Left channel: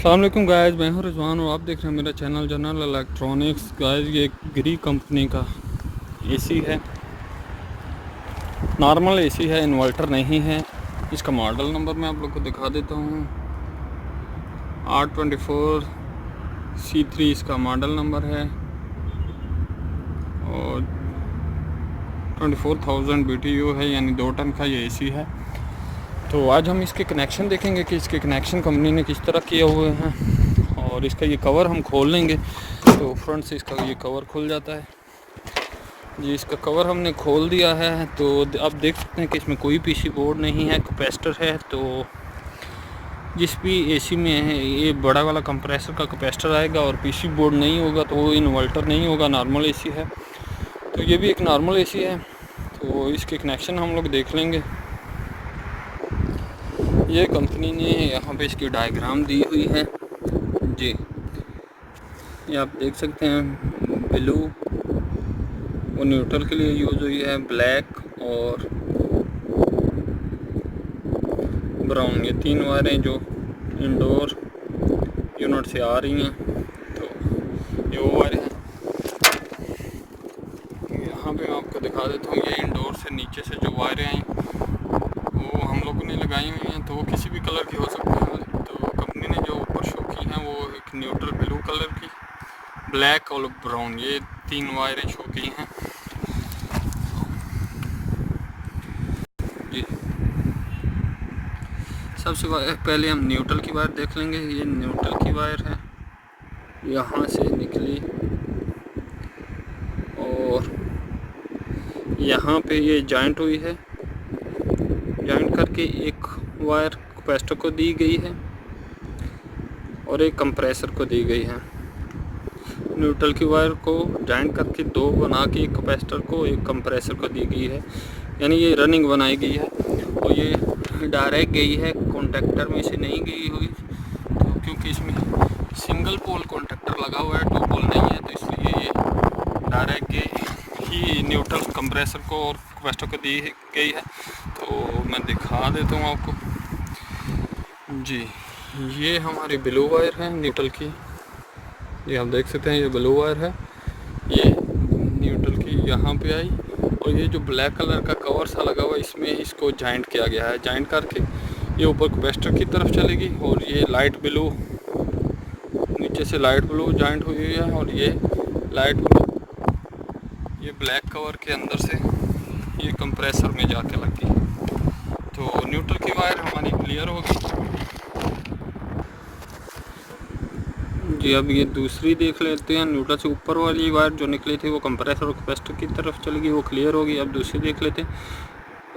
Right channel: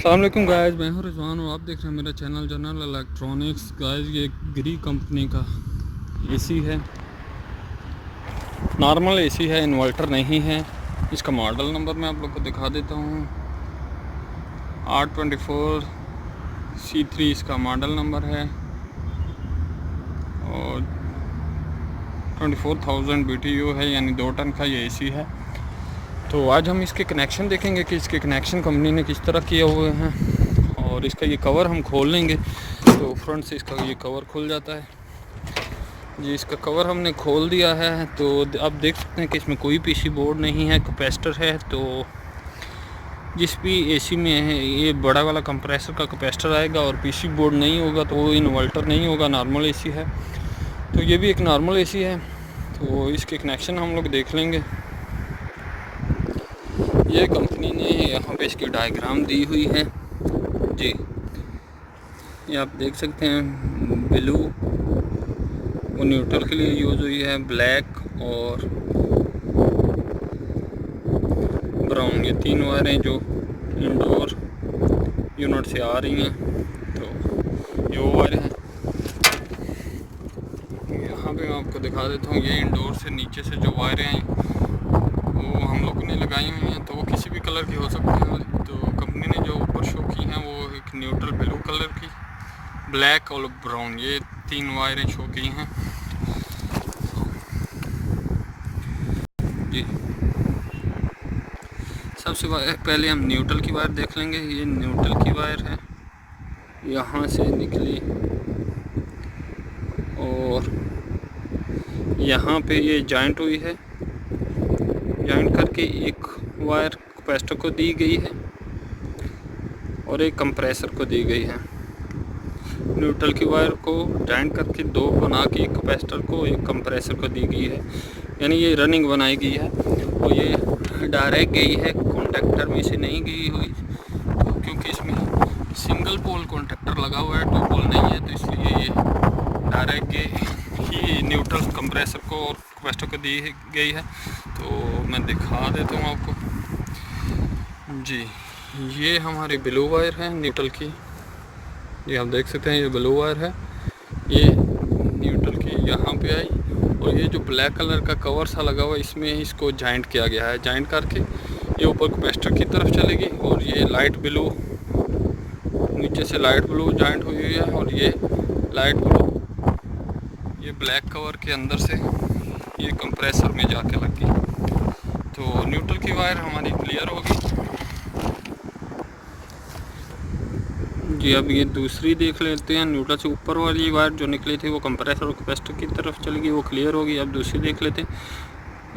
अस्सलाम वालेकुम गाइस, मैं हूं रिजवान और आप देख रहे हैं मेरा चैनल जनरल इलेक्ट्रॉनिक्स। गाइस ये ग्री कंपनी का एसी है, नॉर्मल एसी है, इन्वर्टर नहीं है। इसका मॉडल नंबर मैं आप लोग को दिखा देता हूं। R24C3 इसका मॉडल नंबर है और 24,000 BTU है, यानी 2 टन का ये एसी है। तो आज हम इसके कनेक्शन देखेंगे कि इसके कनेक्शन कंपनी ने किस तरह किए हुए हैं और इसका ये कवर हम खोल लेंगे। तो फ्रंट से इसका ये कवर खुल जाता है जी। इसका कवर हमने खोल दिया है तो आप देख सकते हैं कि इसमें कोई पीसी बोर्ड नहीं है, कैपेसिटर है। तो जिस भी एसी में है ये बड़ा वाला कंप्रेसर का कैपेसिटर आएगा और पीसी बोर्ड नहीं होगा तो वो इन्वर्टर नहीं होगा, नॉर्मल एसी है। तो ये भी एक नॉर्मल एसी है। तो इसके कनेक्शन हम लोग देख लेंगे। ये कंपनी ने यहाँ पे इसकी डायग्राम दी हुई है जी। ये आप देख सकते हैं, ब्लू वो न्यूट्रल के लिए यूज़ हुई है, ब्लैक और ब्राउन, ये 3 वायरें जो इंडोर यूनिट से आ रही हैं। तो ये वो वायरें हैं। यहाँ पे मैं आपको दिखा देता हूँ, ये इंडोर से नीचे से जो वायरें आई वो हम लोगों ने लगाई हुई हैं। तो वो किसी भी कलर की हो सकती हैं। तो कंपनी ने जो ऊपर शो की हैं वो एक न्यूट्रल ब्लू कलर की, ब्लैक और ब्राउन, ये 3 वायरें शो की हैं जी। सबसे पहले हम न्यूट्रल की वायर देख लेंगे। ये न्यूट्रल की वायर है, यहाँ से निकली और यहाँ पे ये जॉइंट हुई है। जॉइंट करके एक वायर कैपेसिटर को दी गई है और एक कंप्रेसर को दी गई है। न्यूट्रल की वायर को जॉइंट करके 2 बना के एक कैपेसिटर को एक कंप्रेसर को दी गई है, यानी ये रनिंग बनाई गई है। और ये डायरेक्ट गई है, कॉन्टेक्टर में से नहीं गई हुई, तो क्योंकि इसमें सिंगल पोल कॉन्टेक्टर लगा हुआ है, 2 पोल नहीं है, तो इसलिए ये डायरेक्ट गई ही न्यूट्रल कंप्रेसर को और कैपेसिटर को दी गई है। तो मैं दिखा देता हूँ आपको जी। ये हमारी ब्लू वायर है न्यूट्रल की, ये आप देख सकते हैं, ये ब्लू वायर है, ये न्यूट्रल की यहाँ पे आई। और ये जो ब्लैक कलर का कवर सा लगा हुआ है इसमें इसको जॉइंट किया गया है। जॉइंट करके ये ऊपर कैपेसिटर की तरफ चलेगी और ये लाइट ब्लू, नीचे से लाइट ब्लू जॉइंट हुई हुई है और ये लाइट ब्लू ये ब्लैक कवर के अंदर से ये कंप्रेसर में जाके लगी। तो न्यूट्रल की वायर हमारी क्लियर होगी जी। अब ये दूसरी देख लेते हैं। न्यूट्रल से ऊपर वाली वायर जो निकली थी वो कंप्रेसर और कैपेसिटर की तरफ चलेगी, वो क्लियर होगी। अब दूसरी देख लेते हैं।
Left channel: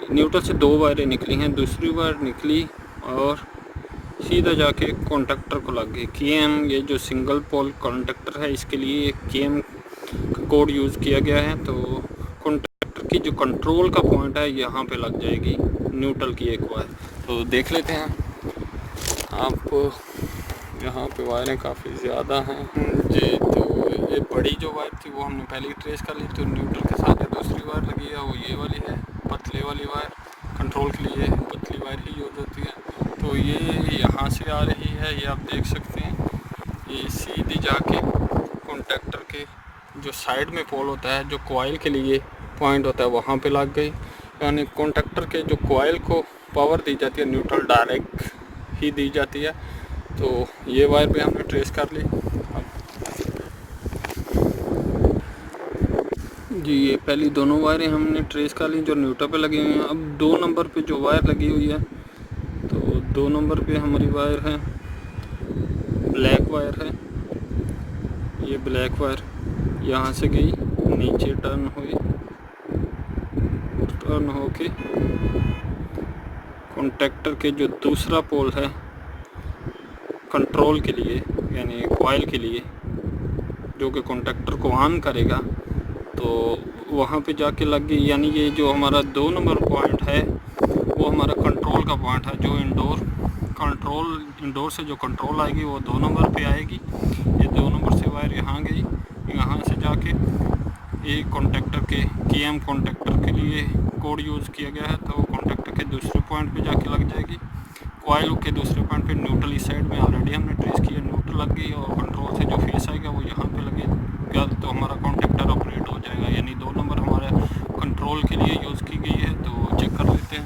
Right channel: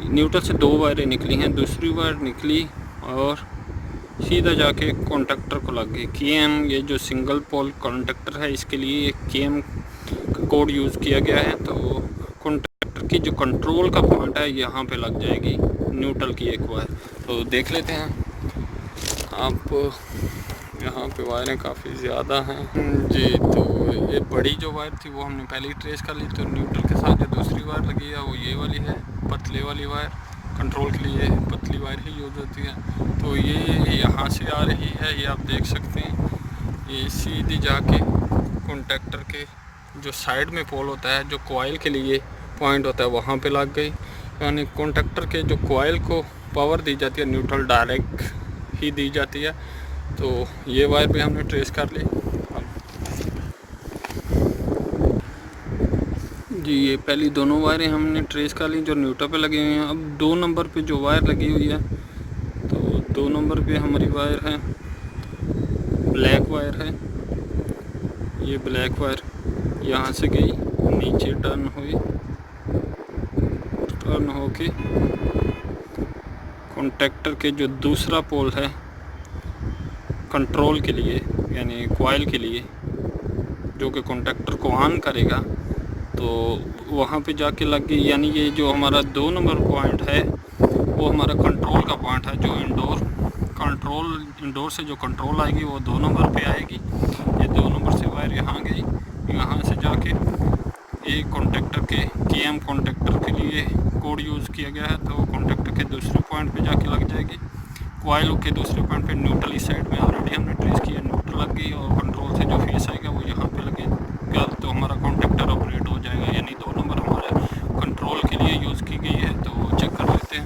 न्यूट्रल से 2 वायरें निकली हैं, दूसरी वायर निकली और सीधा जाके कॉन्टेक्टर को लग गई। केएम, ये जो सिंगल पोल कॉन्टेक्टर है इसके लिए केएम का कोड यूज़ किया गया है। तो कॉन्टेक्टर की जो कंट्रोल का पॉइंट है यहाँ पे लग जाएगी न्यूट्रल की एक वायर। तो देख लेते हैं आप, यहाँ पे वायरें काफ़ी ज़्यादा हैं जी। तो ये बड़ी जो वायर थी वो हमने पहले ही ट्रेस कर ली। तो न्यूट्रल के साथ जो दूसरी वायर लगी है वो ये वाली है, पतले वाली वायर। कंट्रोल के लिए पतली वायर ही यूज़ होती है। तो ये यहाँ से आ रही है, ये आप देख सकते हैं। ये सीधी जाके कॉन्टेक्टर के जो साइड में पोल होता है, जो कॉइल के लिए पॉइंट होता है, वहाँ पे लग गई। यानी कॉन्टेक्टर के जो कॉइल को पावर दी जाती है न्यूट्रल डायरेक्ट ही दी जाती है। तो ये वायर भी हमने ट्रेस कर ली। अब जी, ये पहली दोनों वायरें हमने ट्रेस कर ली जो न्यूट्रल पे लगी हुई हैं। अब 2 नंबर पे जो वायर लगी हुई है, तो 2 नंबर पे हमारी वायर है, ब्लैक वायर है। ये ब्लैक वायर यहाँ से गई, नीचे टर्न हुई, टर्न होके कॉन्टेक्टर के जो दूसरा पोल है कंट्रोल के लिए, यानी कॉइल के लिए, जो कि कॉन्टेक्टर को ऑन करेगा, तो वहाँ पे जाके लग गई। यानी ये जो हमारा 2 नंबर पॉइंट है वो हमारा कंट्रोल का पॉइंट है। जो इंडोर से जो कंट्रोल आएगी वो 2 नंबर पे आएगी। ये 2 नंबर से वायर यहाँ गई, यहाँ से जाके एक कॉन्टेक्टर के केएम कॉन्टेक्टर के लिए कोड यूज़ किया गया है, तो कॉन्टेक्टर के दूसरे पॉइंट पे जाके लग जाएगी। कॉइल के दूसरे पॉइंट पे न्यूट्रल इस साइड में ऑलरेडी हमने ट्रेस किया, न्यूट्रल लग गई और कंट्रोल से जो फेस आएगा वो यहाँ पे लगेगा तो हमारा कॉन्टेक्टर ऑपरेट हो जाएगा। यानी 2 नंबर हमारे कंट्रोल के लिए यूज़ की गई है। तो चेक कर लेते हैं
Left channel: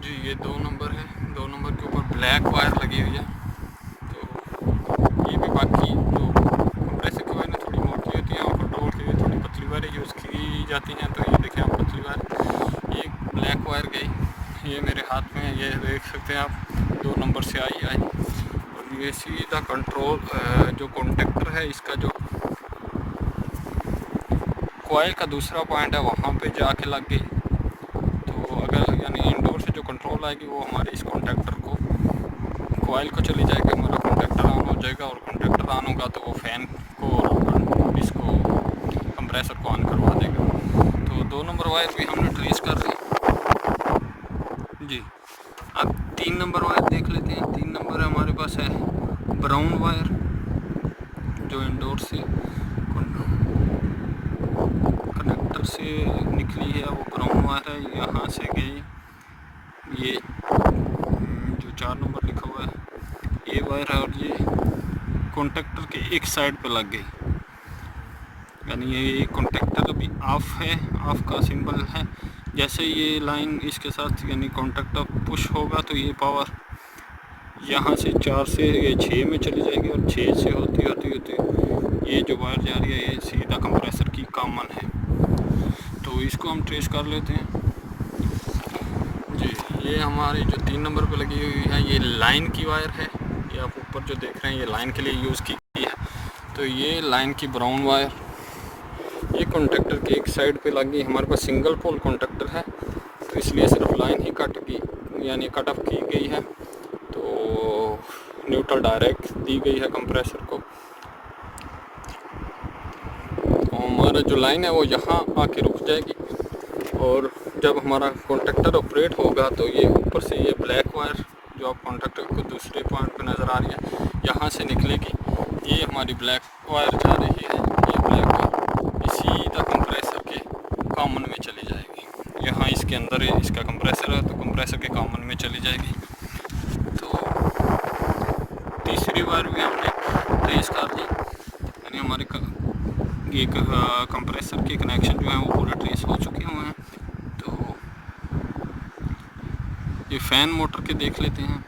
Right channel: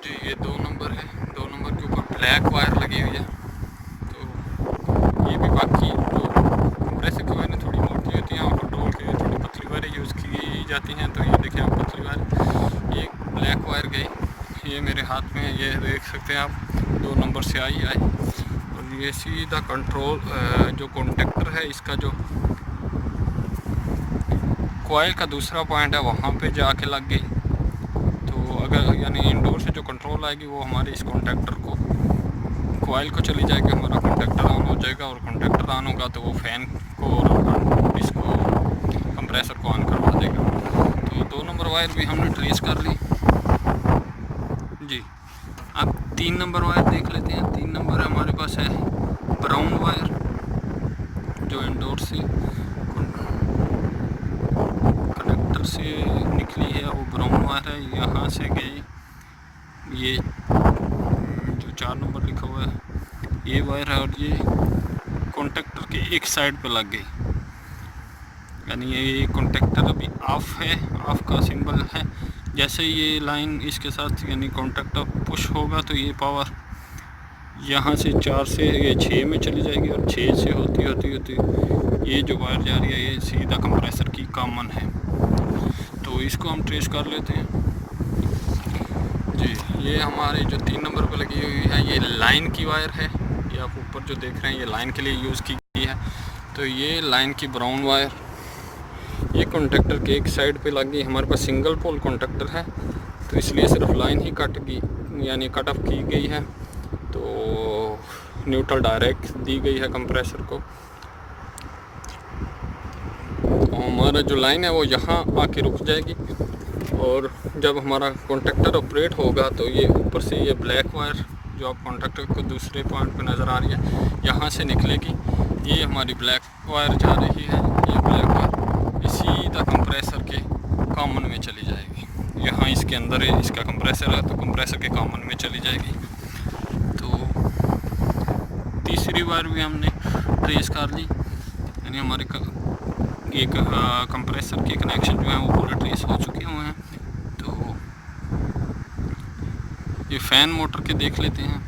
जी, ये 2 नंबर है। 2 नंबर के ऊपर ब्लैक वायर लगी हुई है। तो ये भी बाकी जो कंप्रेसर की वायर थोड़ी मोटी होती हैं और कंट्रोल के लिए थोड़ी पतली वायरें यूज़ की जाती हैं। तो ये देखें आप, पतली वायर, ये ब्लैक वायर गई, ये मेरे हाथ में है, ये देख सकते हैं आप, 2 नंबर से आई और ये सीधा कंट्रोल जो कॉन्टेक्टर है इसका जो कॉइल का दूसरा पॉइंट है वहाँ पे जाके लग गई। तो अगर यानी इंडोर से जो कंट्रोल आएगी वो हमारे इस कॉन्टेक्टर को, कॉइल को चली जाएगी, हमारा कॉन्टेक्टर ऑन हो जाएगा और कॉन्टेक्टर ऑन होगा तो वो फैन को और इसको कंप्रेसर को ऑन करवा देगा। तो 2 नंबर वायर भी हमने ट्रेस कर ली जी। अब 3 नंबर वायर देख लेते हैं। 3 नंबर हमारे पास है ब्राउन वायर, जो इंडोर से कनेक्टर से निकली है, वो ब्राउन वायर है। यहाँ से गई ये जो 4 नंबर लिखा हुआ है ये वायर है और ये कॉन्टेक्टर के एक साइड पे लग गई। यानी ये कॉन्टेक्टर अभी ऑफ है, ऑफ का सिंबल है। जैसे ये लाइन इसके साथ यानी कॉन्टेक्टर पुश होगा तो ये पावर यहाँ से 4 से ये 6 में चली जाएगी और 6 से होती ये जो वायर जा रही है ये सीधा कंप्रेसर की कॉमन है। तो इसको हम ट्रेस कर लेते हैं जी। ये हमारी जो 3 नंबर पे लगी हुई है ये लाइन की वायर है। ये आप ऊपर जो देख रहे हैं ये लाइन के लिए यूज़ की गई है। तो ये लाइन की ब्राउन वायर ये कॉन्टेक्टर के एक साइड पे लग गई। हमारे पास सिंगल पोल कॉन्टेक्टर है तो इसलिए सिर्फ लाइन ही कट गई यानी कट ऑफ की गई है। तो न्यूट्रल डायरेक्ट दी गई है कंप्रेसर को। तो हमारा जो लाइन है वो यहाँ आके रुक जाएगी और जब हमारा कॉन्टेक्टर ऑपरेट होगा तो ये ऊपर से ये ब्लैक वायर जो आप कॉन्टेक्टर को दूसरे पॉइंट पे नज़र आ रही है यहाँ से निकलेगी। ये हमारी ब्लैक वायर जा रही है, ये ब्लैक वायर सीधा कंप्रेसर के कॉमन में चली जाएगी। यहाँ इसके अंदर इसका कंप्रेसर है तो कंप्रेसर के कॉमन में चली जाएगी। तो तीसरी वायर भी हमने ट्रेस कर ली, यानी हमारे ये कंप्रेसर के कनेक्शन जो हैं वो पूरे ट्रेस हो चुके हुए हैं। तो ये फ़ैन मोटर के देख लेते हैं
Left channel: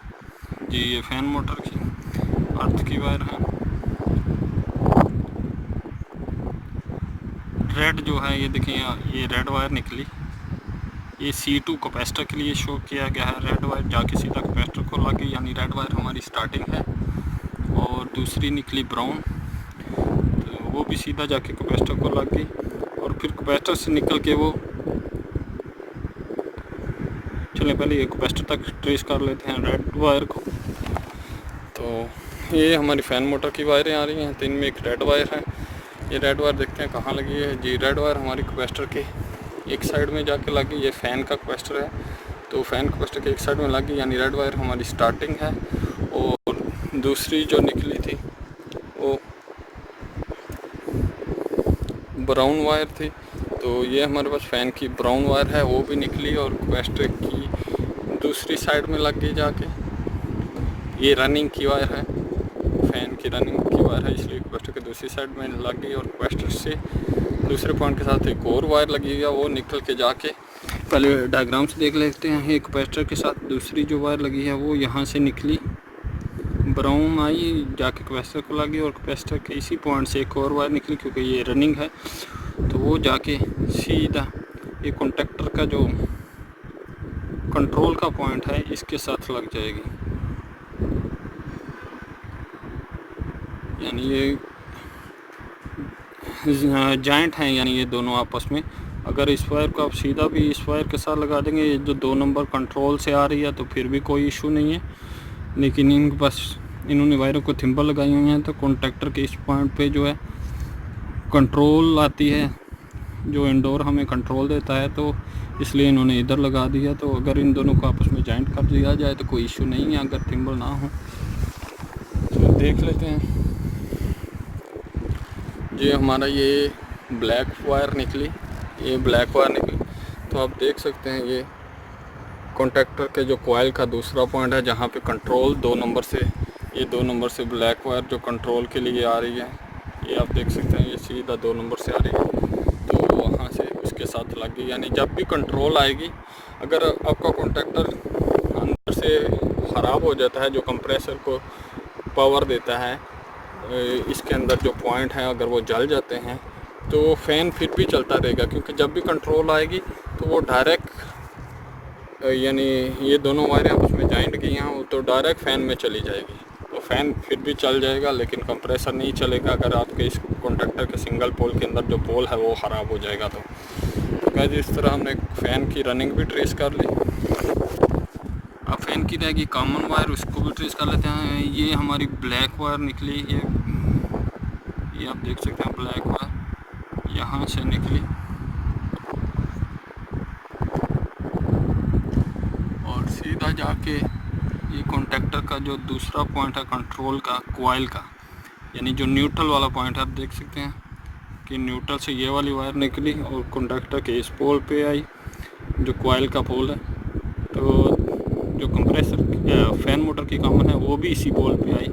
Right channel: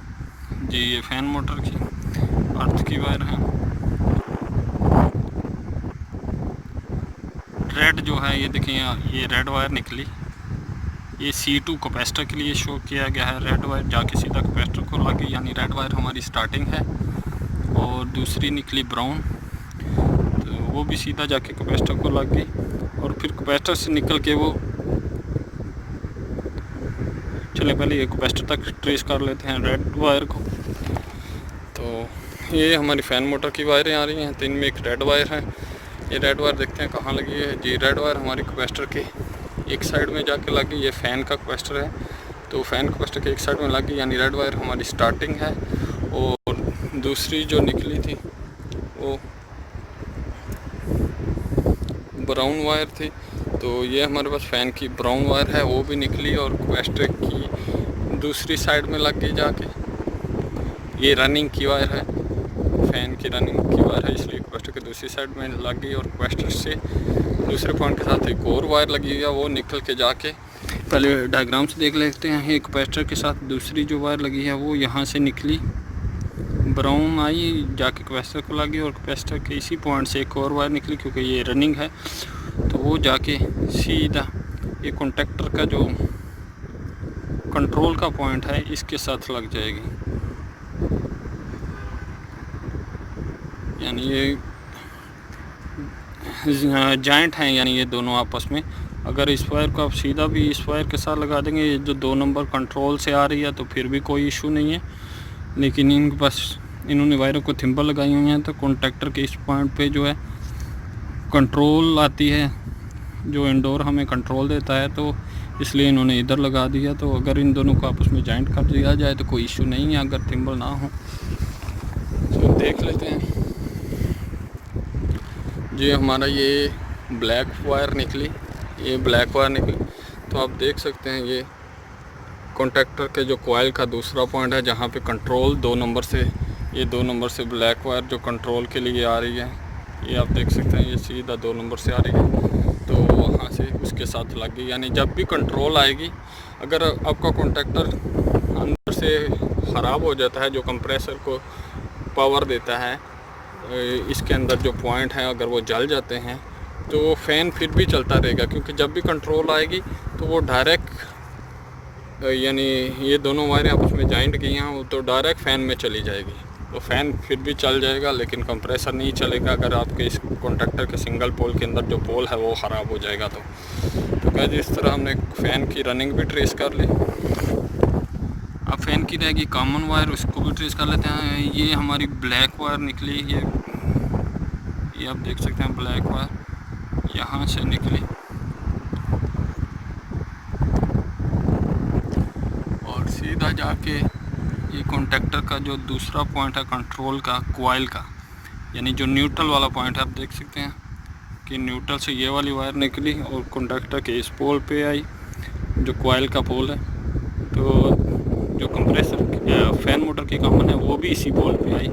जी। ये फ़ैन मोटर की अर्थ की वायर है। रेड जो है ये देखें, ये रेड वायर निकली, ये C2 कैपेसिटर के लिए शो किया गया है। रेड वायर जाके सीधा कैपेसिटर को लगी, यानी रेड वायर हमारी स्टार्टिंग है। और दूसरी निकली ब्राउन, तो वो भी सीधा जाके कैपेसिटर को लग गई। और फिर कैपेसिटर से निकल के वो, चलिए पहले ये कैपेसिटर तक ट्रेस कर लेते हैं रेड वायर को। तो ये हमारी फ़ैन मोटर की वायरें आ रही हैं, तो इनमें एक रेड वायर है। ये रेड वायर देखते हैं कहाँ लगी है जी। रेड वायर हमारी कैपेसिटर के एक साइड में जाके लगी। ये फ़ैन का कैपेसिटर है तो फ़ैन कैपेसिटर के एक साइड में लगी, यानी रेड वायर हमारी स्टार्टिंग है। और दूसरी जो निकली थी वो ब्राउन वायर थी, तो ये हमारे पास फ़ैन की ब्राउन वायर है, वो भी निकली और कैपेसिटर की दूसरी साइड में लग गई जाके। ये रनिंग की वायर है, फ़ैन की रनिंग की वायर है, इसलिए कैपेसिटर के दूसरी साइड में लग गई। और कैपेसिटर से दूसरे पॉइंट के साथ एक और वायर लगी हुई है, वो निकल के जाके, पहले डायग्राम से देख लेते हैं। ये कैपेसिटर के साथ दूसरी जो वायर लगी है वो यहाँ से निकली, ब्राउन आई जाके कैपेसिटर को लगी। और कैपेसिटर के इसी पॉइंट से एक और वायर निकली, क्योंकि ये रनिंग है तो वो जाके सीधा ये कॉन्टेक्टर का जो कंट्रोल का पॉइंट है इसके साथ लग जाएगी। यानी ये जॉइंट हैं, यानी ये दोनों आपस में। अगर इस वायर को आप सीधा भी इस वायर के साथ लगा देंगे, ये जो 2 नंबर कंट्रोल से आ रही है, तो फिर भी कोई इशू नहीं है। लेकिन इनके पास इन्होंने वायरों को थिम्बल लगाई हुई हैं, तो कॉन्टेक्टर के इस पॉइंट पे जो है कंट्रोल आती है, जो इंडोर हमें कंट्रोल देता है, तो इसलिए इन्होंने इधर लगा दिया। तो अगर इन दोनों को आपस में जॉइंट कर दिया जाए तो कोई इशू नहीं है, अगर थिम्बल ना हो। तो देख लेते हैं जी। हमारा ये ब्लैक वायर निकली, ये ब्लैक वायर निकली, तो आप देख सकते हैं ये कॉन्टैक्टर के जो कॉइल का दूसरा पॉइंट है जहाँ पे कंट्रोल 2 नंबर से, ये 2 नंबर से ब्लैक वायर जो कंट्रोल के लिए आ रही है, ये आप देख सकते हैं, ये सीधा 2 नंबर से आ रही है, तो वहाँ से उसके साथ लग गई। यानी जब भी कंट्रोल आएगी, अगर आपका कॉन्टैक्टर अंदर से ख़राब हो जाता है, जो कंप्रेसर को पावर देता है, इसके अंदर जो पॉइंट हैं अगर वो जल जाते हैं तो फ़ैन फिर भी चलता रहेगा, क्योंकि जब भी कंट्रोल आएगी तो वो डायरेक्ट, यानी ये दोनों वायरें आपस में जॉइंट की हैं तो डायरेक्ट फ़ैन में चली जाएगी, तो फ़ैन फिर भी चल जाएगा लेकिन कंप्रेसर नहीं चलेगा अगर आपके इस कॉन्टैक्टर के सिंगल पोल के अंदर जो पोल है वो ख़राब हो जाएगा। तो गाइस इस तरह हमने फ़ैन की रनिंग भी ट्रेस कर ली। अब फ़ैन की रहेगी कॉमन वायर, उसको भी ट्रेस कर लेते हैं। ये हमारी ब्लैक वायर निकली, ये आप देख सकते हैं, ब्लैक वायर यहाँ से निकली और सीधा जाके ये कॉन्टैक्टर का जो दूसरा पॉइंट है कंट्रोल का, कॉइल का, यानी जो न्यूट्रल वाला पॉइंट है, आप देख सकते हैं कि न्यूट्रल से ये वाली वायर निकली और कॉन्टैक्टर के इस पोल पे आई जो कॉइल का पोल है। तो जो कंप्रेसर फ़ैन मोटर की कॉमन है वो भी इसी पोल पे आई,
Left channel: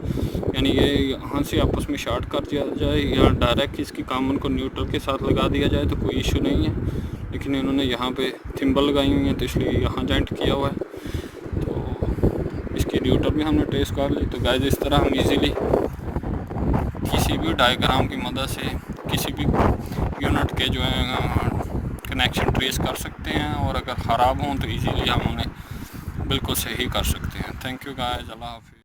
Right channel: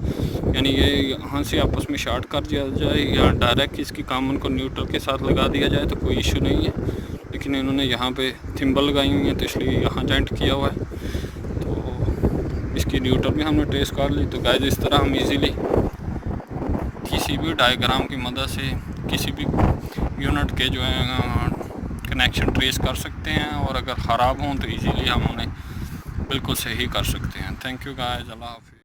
यानी ये यहाँ से आपस में शॉर्ट कर दिया जाए या डायरेक्ट इसकी कॉमन को न्यूट्रल के साथ लगा दिया जाए तो कोई इशू नहीं है, लेकिन इन्होंने यहाँ पे थिम्बल लगाई हुई हैं तो इसलिए यहाँ जॉइंट किया हुआ है। तो इसकी न्यूट्रल भी हमने ट्रेस कर ली। तो गाइस इस तरह हम इजीली किसी भी डायग्राम की मदद से किसी भी यूनिट के जो है कनेक्शन ट्रेस कर सकते हैं, और अगर ख़राब हों तो इजीली हम उन्हें बिल्कुल सही कर सकते हैं। थैंक यू गाइस, अल्लाह हाफिज़।